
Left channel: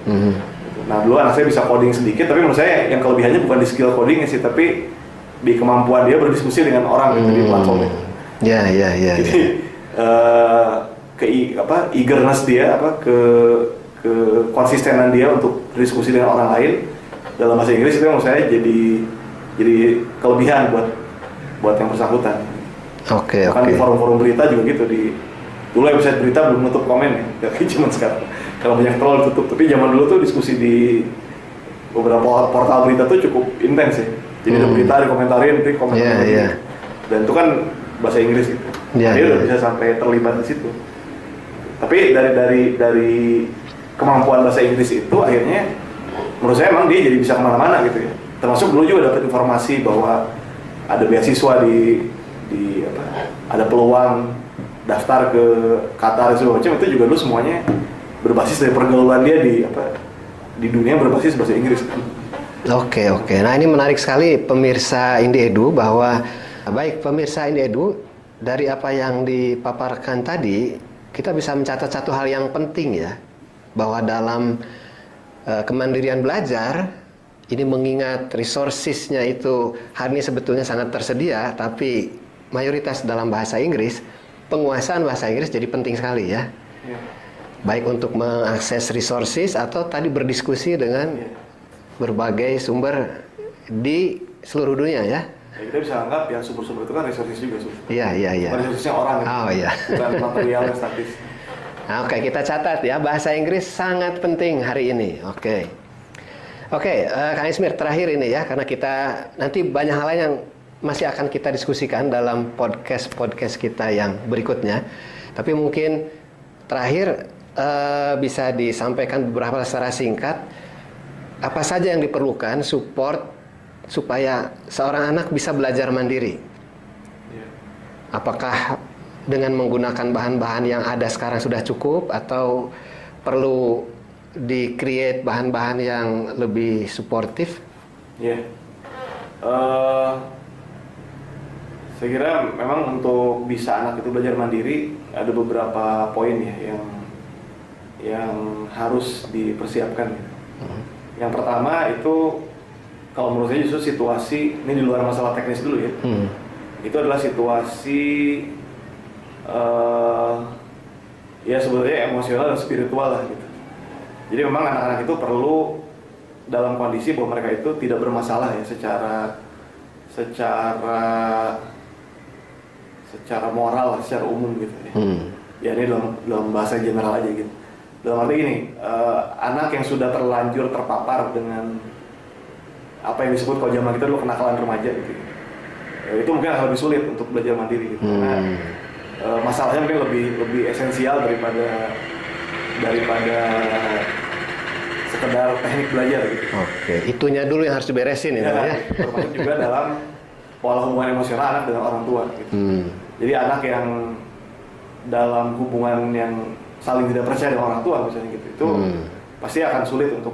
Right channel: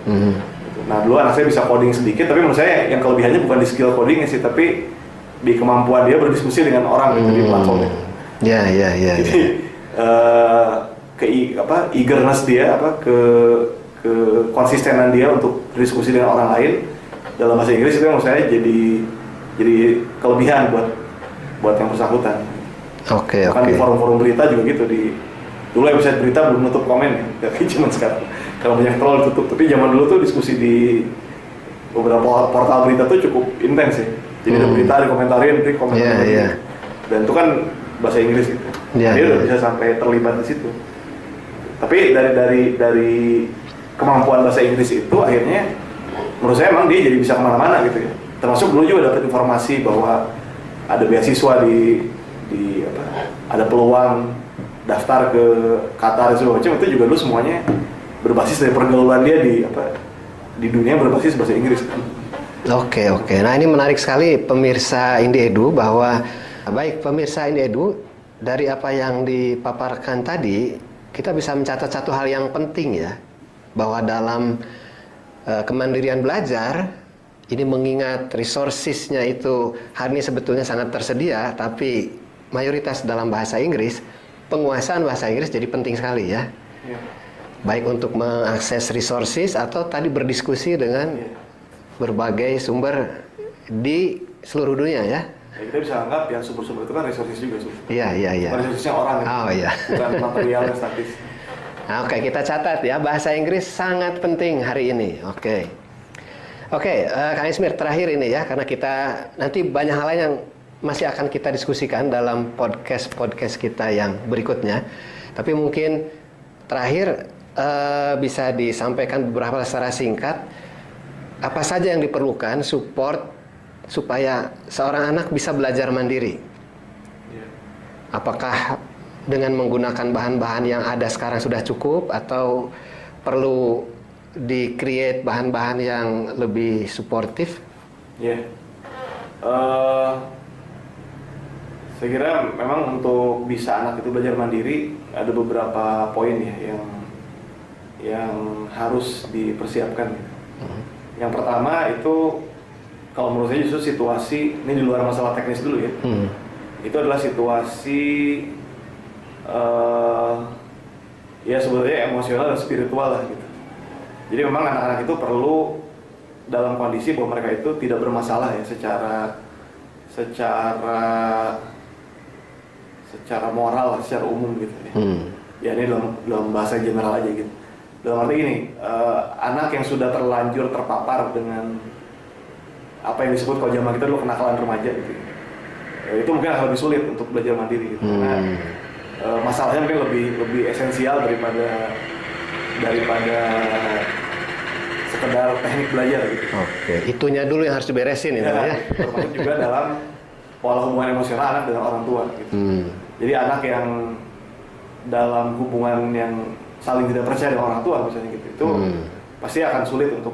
Nah dulu anak saya bisa coding sedikit, tapi menurut saya yang kelebihannya bukan di skill codingnya sih, tapi di kemampuan dia berdiskusi dengan orang gitu di platformnya. Jadi eagerness dia ke konsistenan dia untuk berdiskusi dengan orang lain dalam bahasa Inggris itu menurut saya jadi kelebihan buat yang bersangkutan. Kan di forum-forum berita juga gitu, dulu website berita belum nutup komen ya, tapi cuma sekarang kalau banyak troll tutup. Tapi zaman dulu tuh diskusi di beberapa portal berita tuh cukup intens ya. Jadi ada berita dikomentarin, dan itu kan bahasa Inggris gitu. Dia udah bisa sampai terlibat di situ. Tapi dari kemampuan bahasa Inggris itu akhirnya menurut saya emang dia jadi bisa kemana-mana gitu ya. Termasuk dulu juga dapat informasi bahwa ada beasiswa ada peluang daftar ke Qatar segala macam, itu juga dulu semuanya berbasis dari pergaulan dia di dunia berbasis bahasa Inggris. Oke. Nah ini menarik sekali pemirsa Indie Edu, bahwa baik pemirsa Indie Edu, dari apa yang dipaparkan tadi kita bisa mencatat satu hal yang penting ya, bahwa dalam kemandirian belajar ini, mengingat resources-nya itu hari ini sebetulnya sangat tersedia, tapi mayoritas dalam bahasa Inggris, penguasaan bahasa Inggris jadi penting sekali ya. Baik untuk mengakses resources atau tadi berdiskusi dengan berbagai sumber di seluruh dunia ya. Kita bisa anggap yang sumber-sumber itu kan resources juga. Iya. Resourcesnya orang bukan material dan statis. Nah, kita catat ya, bahasa Inggris sangat penting hari ini. Oke, Kang Ismir, terakhir ini ya, karena kita nanti banyak hal lain yang masih akan kita diskusikan dalam podcast kita yang berikutnya. Tapi mungkin terakhir bisa disampaikan beberapa secara singkat, apa saja yang diperlukan support supaya seorang anak bisa belajar mandiri. Apakah dengan menggunakan bahan-bahan yang ada sekarang sudah cukup, atau perlu di-create bahan-bahan yang lebih suportif? Saya kira memang untuk bisa anak itu belajar mandiri ada beberapa poin ya yang harus dipersiapkan. Yang pertama itu, kalau menurut saya justru situasi ini di luar masalah teknis dulu ya. Itu adalah situasi ya sebetulnya emosional dan spiritual lah gitu. Jadi memang anak-anak itu perlu dalam kondisi bahwa mereka itu tidak bermasalah ya secara moral, secara umum gitu ya. Ya ini dalam bahasa general aja gitu. Dalam arti gini, anak yang sudah terlanjur terpapar dengan apa yang disebut kalau zaman kita dulu kenakalan remaja gitu, ya, itu mungkin akan lebih sulit untuk belajar mandiri gitu. Karena masalahnya mungkin lebih esensial daripada sekedar teknik belajar gitu. Itunya dulu yang harus diberesin ya. Termasuk juga dalam pola hubungan emosional anak dengan orang tua gitu. Jadi anak yang dalam hubungan yang saling tidak percaya dengan orang tua misalnya gitu, itu pasti akan sulit untuk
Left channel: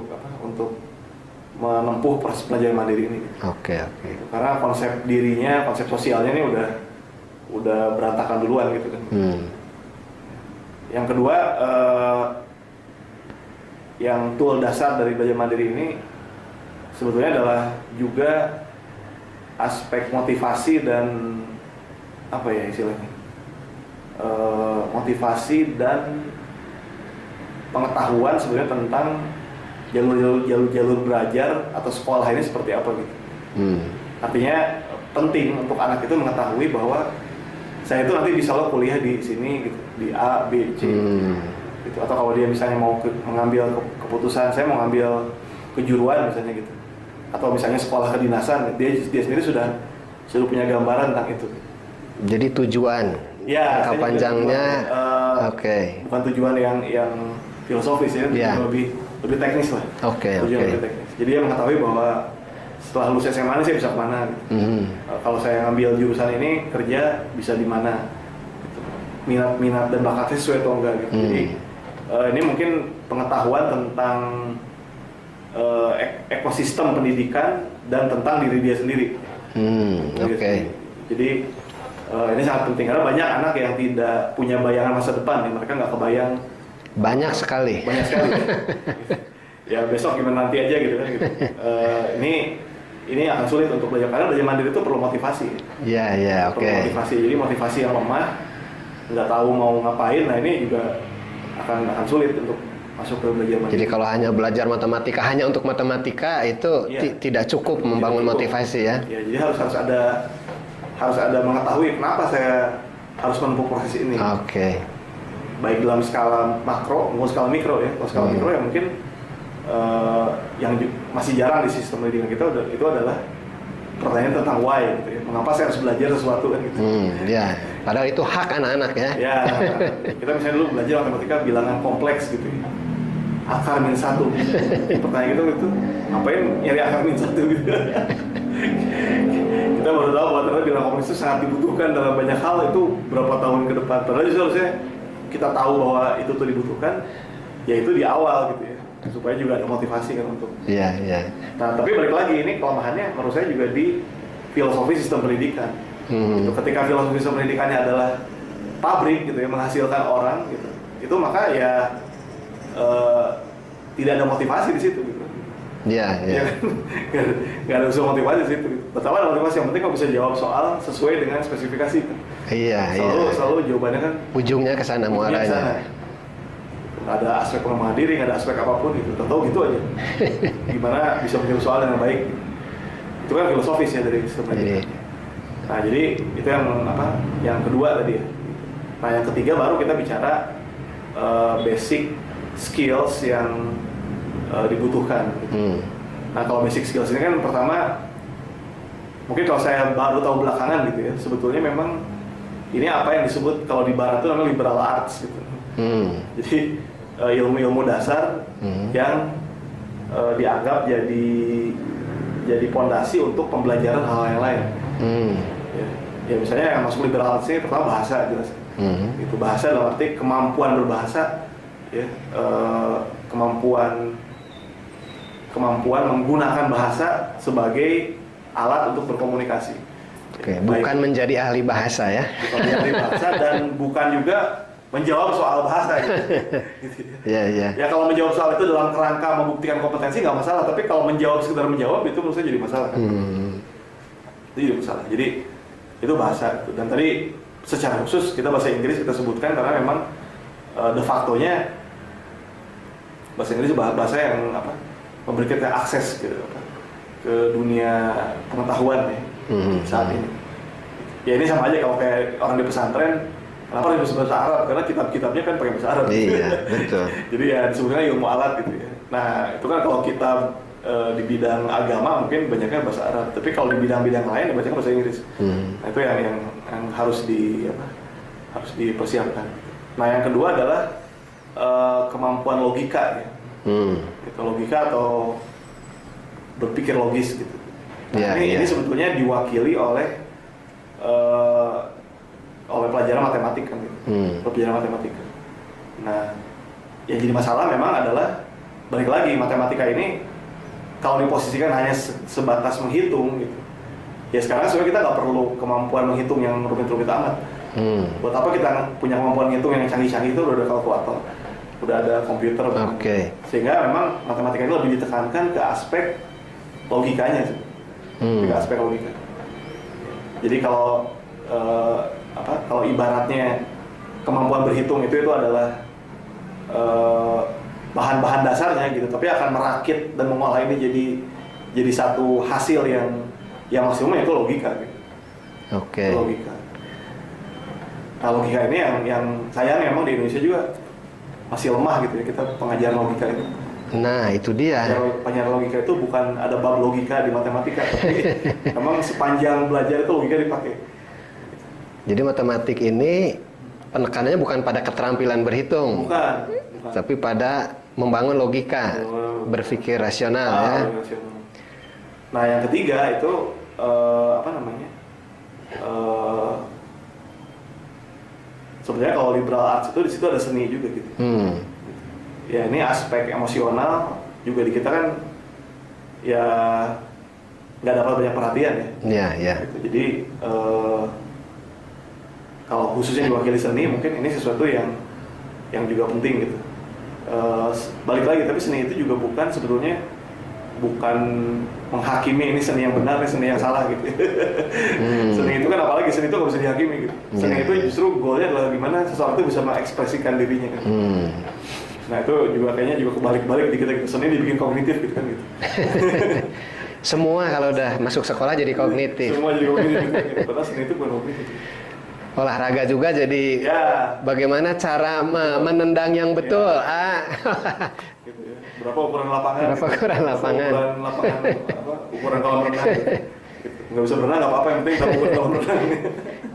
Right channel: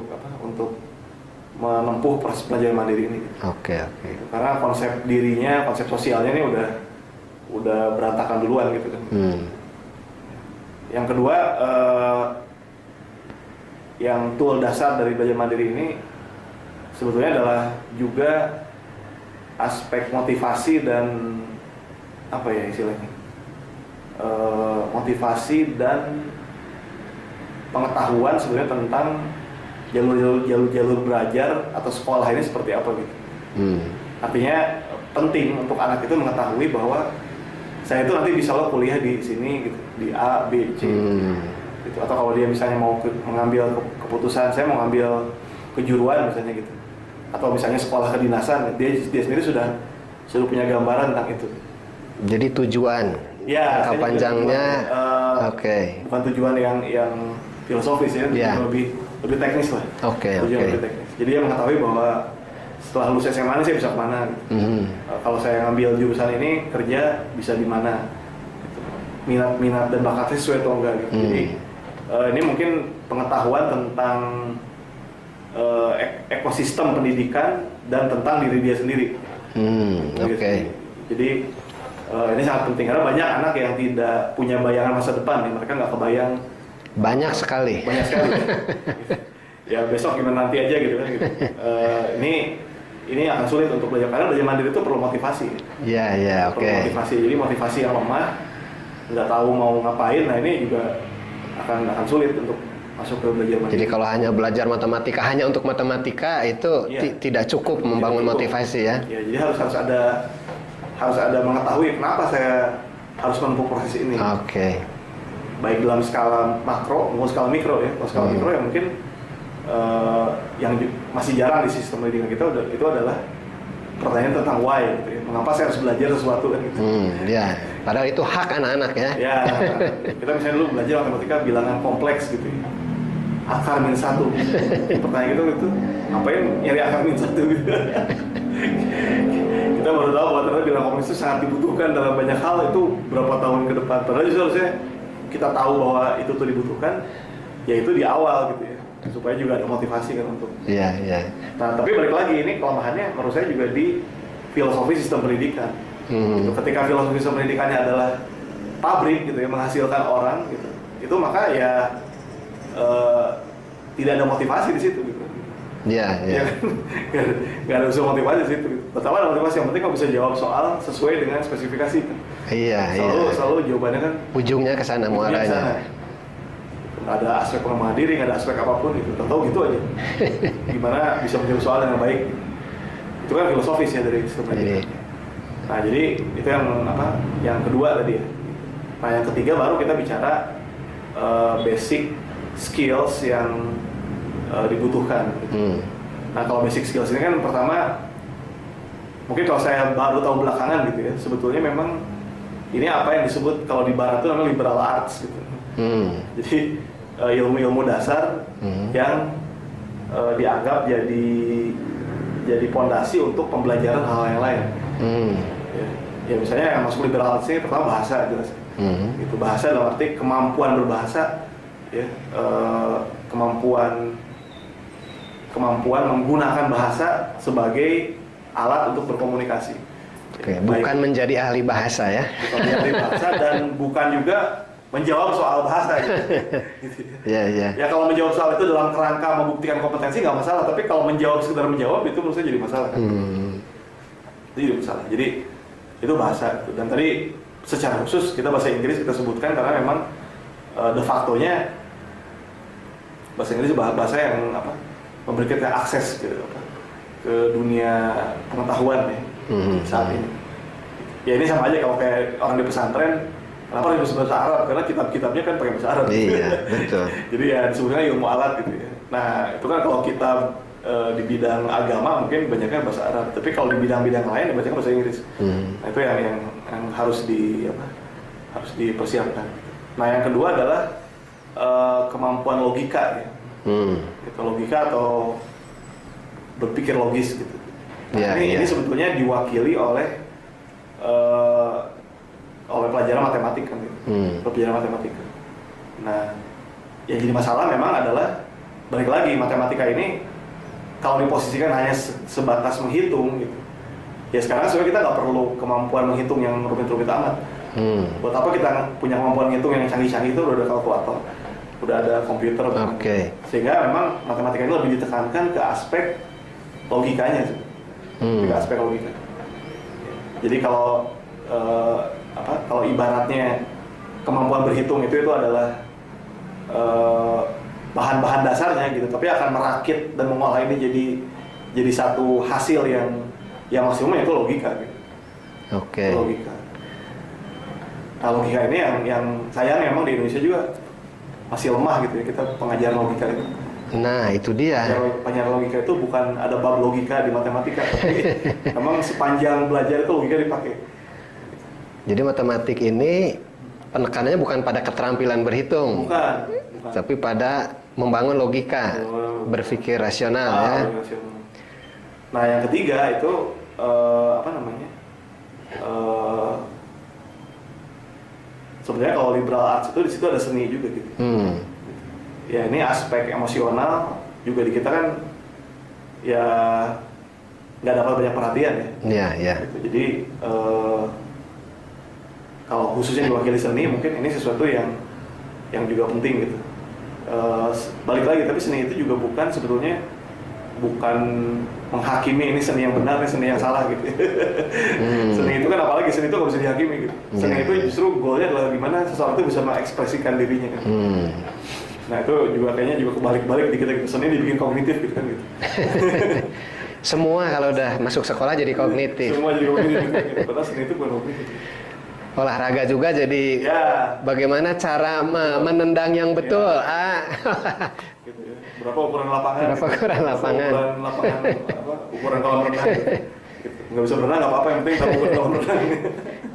menempuh proses belajar mandiri ini. Gitu. Karena konsep dirinya, konsep sosialnya ini udah berantakan duluan gitu kan. Yang kedua, yang tool dasar dari belajar mandiri ini sebetulnya adalah juga aspek motivasi dan apa ya istilahnya, motivasi dan pengetahuan sebenarnya tentang jalur belajar atau sekolah ini seperti apa gitu. Artinya penting untuk anak itu mengetahui bahwa saya itu nanti bisa lo kuliah di sini gitu, di A, B, C gitu. Atau kalau dia misalnya mau mengambil keputusan, saya mau ngambil kejuruan misalnya gitu, atau misalnya sekolah kedinasan, dia sendiri sudah punya gambaran tentang itu. Jadi tujuan ya, jangka panjangnya bukan tujuan yang filosofis ya, lebih teknis lah. Lebih teknis. Jadi dia mengetahui bahwa setelah lulus SMA ini saya bisa kemana gitu. Kalau saya ngambil jurusan ini kerja bisa di mana gitu. Minat dan bakatnya sesuai atau enggak gitu. Jadi ini mungkin pengetahuan tentang ekosistem pendidikan dan tentang diri dia sendiri. Jadi ini sangat penting karena banyak anak yang tidak punya bayangan masa depan, mereka nggak kebayang. Banyak sekali. Ya besok gimana nanti aja gitu kan. Gitu. Ini akan sulit untuk belajar karena belajar mandiri itu perlu motivasi. Perlu motivasi. Jadi motivasi yang lemah, nggak tahu mau ngapain, nah ini juga akan sulit untuk masuk ke belajar mandiri. Jadi kalau hanya belajar matematika hanya untuk matematika itu tidak cukup membangun motivasi ya. Ya, jadi harus ada mengetahui kenapa saya harus menempuh proses ini. Baik dalam skala makro maupun skala mikro ya. Kalau skala mikro ya mungkin yang masih jarang di sistem pendidikan kita itu adalah pertanyaan tentang why gitu ya. Mengapa saya harus belajar sesuatu kan gitu. Padahal itu hak anak-anak ya. Kita misalnya dulu belajar matematika bilangan kompleks gitu ya. Akar min 1. Pertanyaan itu ngapain nyari akar min 1 gitu. Kita baru tahu bahwa ternyata bilangan kompleks itu sangat dibutuhkan dalam banyak hal, itu berapa tahun ke depan. Padahal justru harusnya kita tahu bahwa itu tuh dibutuhkan yaitu di awal gitu ya, supaya juga ada motivasi kan untuk Nah tapi balik lagi, ini kelemahannya menurut saya juga di filosofi sistem pendidikan. Gitu. Ketika filosofi sistem pendidikannya adalah pabrik gitu ya, menghasilkan orang gitu, itu maka ya tidak ada motivasi di situ gitu. Nggak ada unsur motivasi di situ. Pertama ada motivasi, yang penting kau bisa jawab soal sesuai dengan spesifikasi. Selalu jawabannya kan ujungnya ke sana muaranya. Nggak ada aspek pengembangan diri, nggak ada aspek apapun gitu. Tahu gitu aja. Gimana bisa menjawab soal dengan baik? Itu kan filosofis ya dari sistem pendidikan. Nah jadi itu yang kedua tadi ya. Nah yang ketiga baru kita bicara basic skills yang dibutuhkan. Nah kalau basic skills ini kan pertama mungkin kalau saya baru tahu belakangan gitu ya, sebetulnya memang ini apa yang disebut kalau di barat itu namanya liberal arts gitu. Jadi ilmu-ilmu dasar yang dianggap jadi pondasi untuk pembelajaran hal yang lain. Ya misalnya yang masuk liberal arts ini pertama bahasa jelas. Itu bahasa dalam arti kemampuan berbahasa ya, kemampuan menggunakan bahasa sebagai alat untuk berkomunikasi. Bukan menjadi ahli bahasa ya. Bukan menjadi ahli bahasa dan bukan juga menjawab soal bahasa gitu. Ya kalau menjawab soal itu dalam kerangka membuktikan kompetensi nggak masalah, tapi kalau sekedar menjawab itu menurut saya jadi masalah kan. Itu jadi masalah. Jadi itu bahasa gitu. Dan tadi secara khusus kita bahasa Inggris kita sebutkan karena memang de facto-nya bahasa Inggris bahasa yang memberikan akses ke dunia pengetahuan ya saat ini. Ya ini sama aja kalau kayak orang di pesantren, kenapa harus bahasa Arab? Karena kitab-kitabnya kan pakai bahasa Arab. Betul. Jadi ya disebutnya ilmu alat gitu ya. Nah itu kan kalau kitab di bidang agama mungkin banyaknya bahasa Arab, tapi kalau di bidang-bidang lain banyaknya bahasa Inggris. Nah itu yang harus dipersiapkan. Nah yang kedua adalah kemampuan logika ya. Itu logika atau berpikir logis gitu. Nah, ini sebetulnya diwakili oleh pelajaran matematika gitu. Pelajaran matematika. Nah, yang jadi masalah memang adalah balik lagi matematika ini kalau diposisikan hanya sebatas menghitung gitu. Ya sekarang sebenarnya kita nggak perlu kemampuan menghitung yang rumit-rumit amat. Buat apa kita punya kemampuan menghitung yang canggih-canggih itu? Udah ada kalkulator, udah ada komputer. Sehingga memang matematika ini lebih ditekankan ke aspek logikanya sih. Ke aspek logika. Jadi kalau kalau ibaratnya kemampuan berhitung itu adalah bahan-bahan dasarnya gitu, tapi akan merakit dan mengolah ini jadi satu hasil yang maksimum, itu logika gitu. Oke. Logika. Nah, logika ini yang sayang memang di Indonesia juga masih lemah gitu ya, kita pengajaran logika itu. Nah, itu dia. Pengajaran logika itu bukan ada bab logika di matematika, tapi memang sepanjang belajar itu logika dipakai. Jadi matematik ini penekanannya bukan pada keterampilan berhitung, Bukan. tapi pada membangun logika, berpikir rasional ya. Rasional. Nah, yang ketiga itu apa namanya? Sebenarnya kalau liberal arts itu di situ ada seni juga gitu. Ya, ini aspek emosional juga di kita kan ya nggak dapat banyak perhatian ya. Iya, iya. Gitu. Jadi kalau khususnya diwakili seni, mungkin ini sesuatu yang juga penting gitu. Balik lagi, tapi seni itu juga sebetulnya bukan menghakimi ini seni yang benar, ini seni yang salah gitu. Seni itu kan, apalagi seni itu nggak bisa dihakimi gitu. Seni itu justru goalnya adalah gimana seseorang itu bisa mengekspresikan dirinya kan. Nah, itu juga kayaknya juga kebalik-balik di kita gitu. Seni dibikin kognitif gitu kan gitu. Semua kalau udah masuk sekolah jadi kognitif. Semua jadi kognitif gitu. Padahal seni itu bukan kognitif. Olahraga juga jadi Ya. Bagaimana cara menendang yang betul. Ya. Gitu ya. Berapa ukuran lapangan? Berapa ukuran lapangan? Ukuran lapangan ukuran kolam renang. Gitu. Nggak bisa berenang nggak apa-apa, yang penting tahu ukuran kolam renang.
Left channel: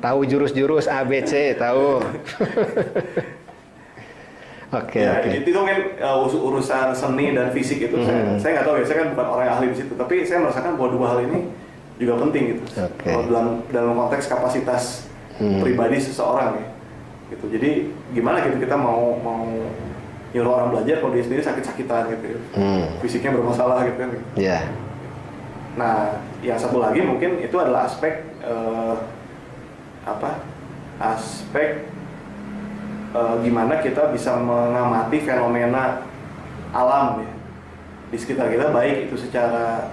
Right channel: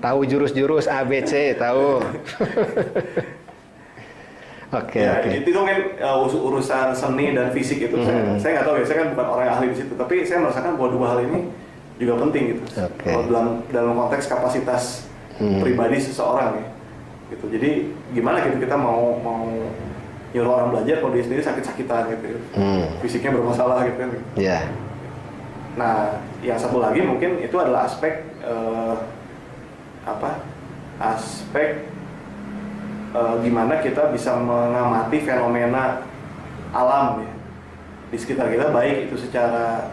Tahu jurus-jurus A, B, C, tahu. Oke. Itu mungkin urusan seni dan fisik itu. Saya nggak tahu ya, saya kan bukan orang yang ahli di situ, tapi saya merasakan bahwa dua hal ini juga penting gitu. Kalau dalam konteks kapasitas pribadi seseorang ya. Gitu. Jadi gimana gitu kita mau nyuruh orang belajar kalau dia sendiri sakit-sakitan gitu. Fisiknya bermasalah gitu kan. Iya. Nah, yang satu lagi mungkin itu adalah aspek gimana kita bisa mengamati fenomena alam ya di sekitar kita, baik itu secara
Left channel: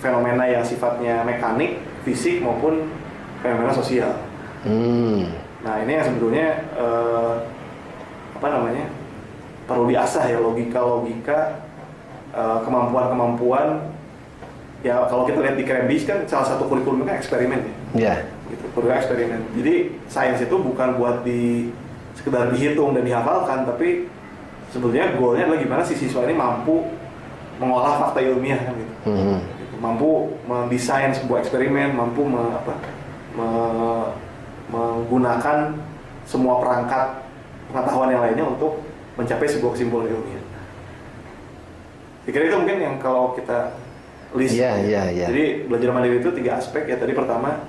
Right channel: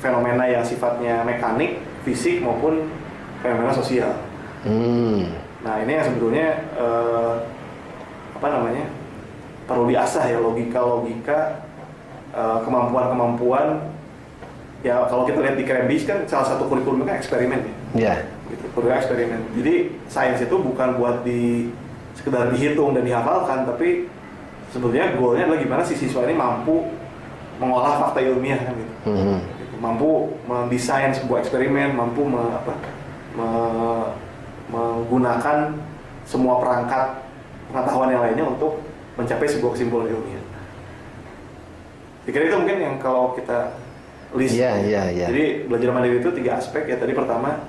fenomena yang sifatnya mekanik, fisik maupun fenomena sosial. Nah, ini yang sebetulnya perlu diasah ya, logika, kemampuan ya. Kalau kita lihat di Cambridge kan salah satu kurikulumnya kan eksperimen ya. Iya. Gitu, kurikulum eksperimen. Jadi sains itu bukan buat sekedar dihitung dan dihafalkan, tapi sebetulnya goalnya adalah gimana si siswa ini mampu mengolah fakta ilmiah kan gitu. Gitu. Mampu mendesain sebuah eksperimen, mampu menggunakan semua perangkat pengetahuan yang lainnya untuk mencapai sebuah kesimpulan ilmiah. Saya kira itu mungkin yang kalau kita list. Iya. Jadi belajar mandiri itu 3 aspek ya. Tadi pertama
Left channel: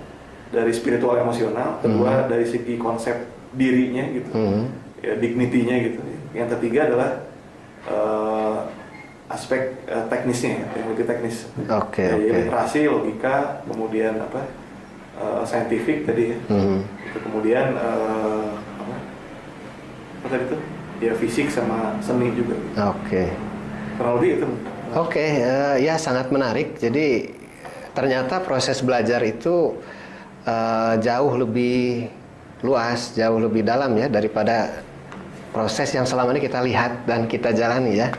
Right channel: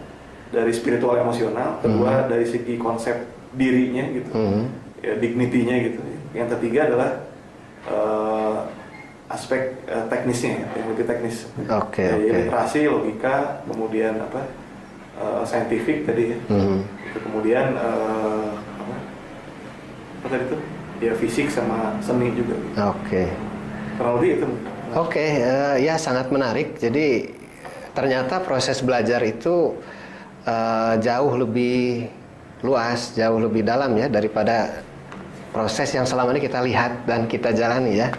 dari spiritual emosional, kedua dari segi konsep dirinya gitu, ya, dignity-nya gitu. Yang ketiga adalah aspek teknisnya, ya, multi teknis. Oke. Literasi, logika, kemudian scientific tadi ya. Itu kemudian apa tadi itu? Ya fisik sama seni juga. Oke. Kurang lebih itu. Oke, ya sangat menarik. Jadi ternyata proses belajar itu jauh lebih luas, jauh lebih dalam ya daripada proses yang selama ini kita lihat dan kita jalani ya.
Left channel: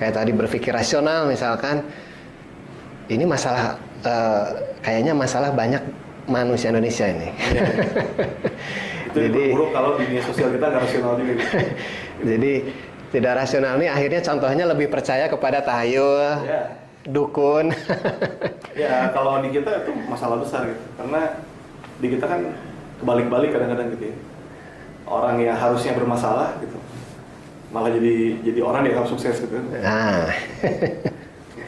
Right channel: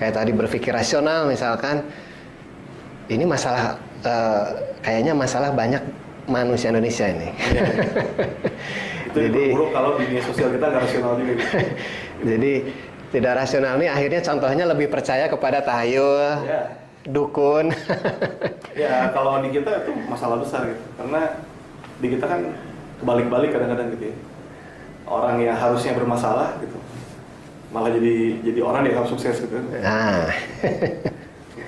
Kayak tadi berpikir rasional misalkan, ini masalah kayaknya masalah banyak manusia Indonesia ini. Ya. Itu jadi buruk kalau di dunia sosial kita nggak rasional juga. Gitu. Jadi tidak rasional ini akhirnya contohnya lebih percaya kepada tahayul, Ya. dukun. Ya, kalau di kita itu masalah besar gitu, karena di kita kan kebalik-balik kadang-kadang gitu ya. Orang yang harusnya bermasalah gitu, malah jadi orang yang sukses gitu. Nah.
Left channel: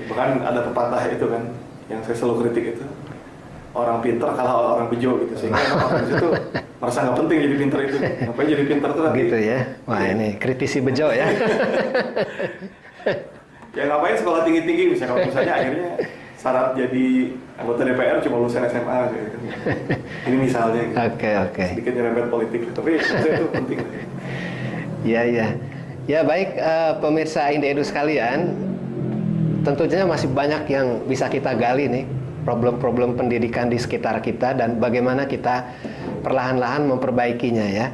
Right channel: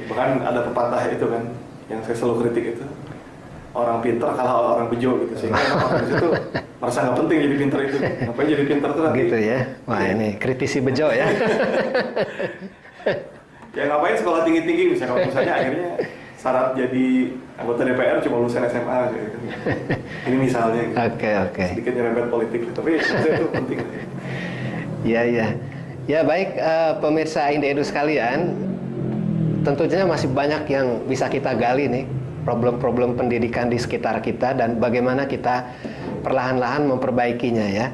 Bahkan ada pepatah itu kan, yang saya selalu kritik itu, orang pintar kalah orang bejo gitu, sehingga orang itu merasa nggak penting jadi pintar itu. Ngapain jadi pintar tuh nanti? Gitu ya. Wah, ini kritisi bejo ya. Ya ngapain sekolah tinggi-tinggi misalnya akhirnya syarat jadi anggota DPR cuma lulusan SMA gitu. Ini misalnya gitu. Oke. Sedikit nyerempet politik, tapi itu penting. Iya. Ya baik, pemirsa Indeedu sekalian, tentunya masih banyak yang bisa kita gali nih, problem-problem pendidikan di sekitar kita dan bagaimana kita perlahan-lahan memperbaikinya ya.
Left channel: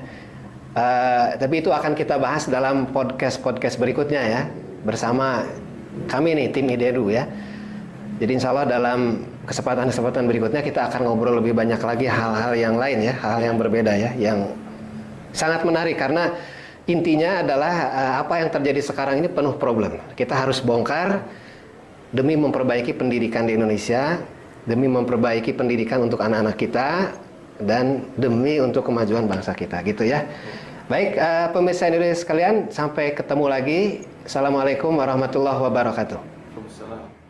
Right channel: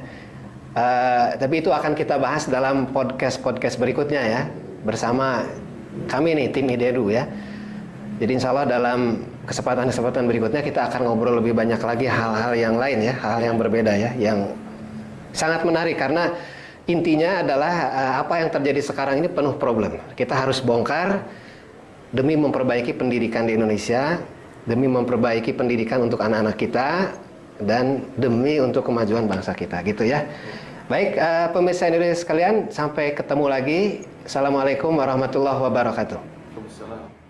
Tapi itu akan kita bahas dalam podcast berikutnya ya, bersama kami nih tim IDEDU ya. Jadi insya Allah dalam kesempatan berikutnya kita akan ngobrol lebih banyak lagi hal-hal yang lain ya, hal yang berbeda ya, yang sangat menarik karena intinya adalah apa yang terjadi sekarang ini penuh problem. Kita harus bongkar demi memperbaiki pendidikan di Indonesia, demi memperbaiki pendidikan untuk anak-anak kita, dan demi untuk kemajuan bangsa kita gitu ya. Baik, pemirsa Indonesia sekalian, sampai ketemu lagi. Assalamualaikum warahmatullahi wabarakatuh. Waalaikumsalam.